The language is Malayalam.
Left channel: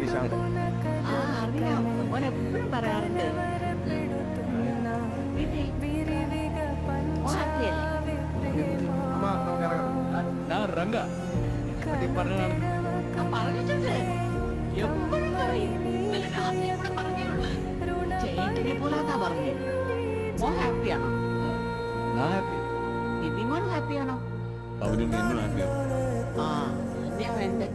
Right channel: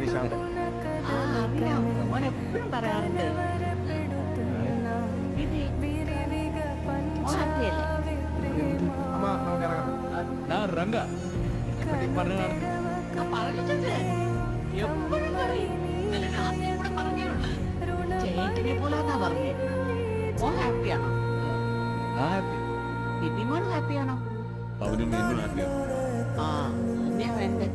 നിശാന്തൻ. അറിയാം, മോൻ എപ്പോഴും പറയാറുണ്ട്. അമ്മ നമുക്ക് ഇറങ്ങാം. ഞാൻ റംഗ പറ്റി പറഞ്ഞതാണ്. പറഞ്ഞിട്ടുണ്ട്, എപ്പോഴും പറയും. ഇന്നലെ രാത്രി കൂടെ പറഞ്ഞേയുള്ളൂ. ചേട്ടനെ പോലാന്നാ പറഞ്ഞേ. മോൻ ഹാപ്പിയാണോ? ഞാൻ ഹാപ്പി. ബിബിമോൻ ഹാപ്പിയാണോ? അവനും നിന്നും ഹാപ്പിയാണ്. ആ, തന്നെയാ വേണ്ടേ.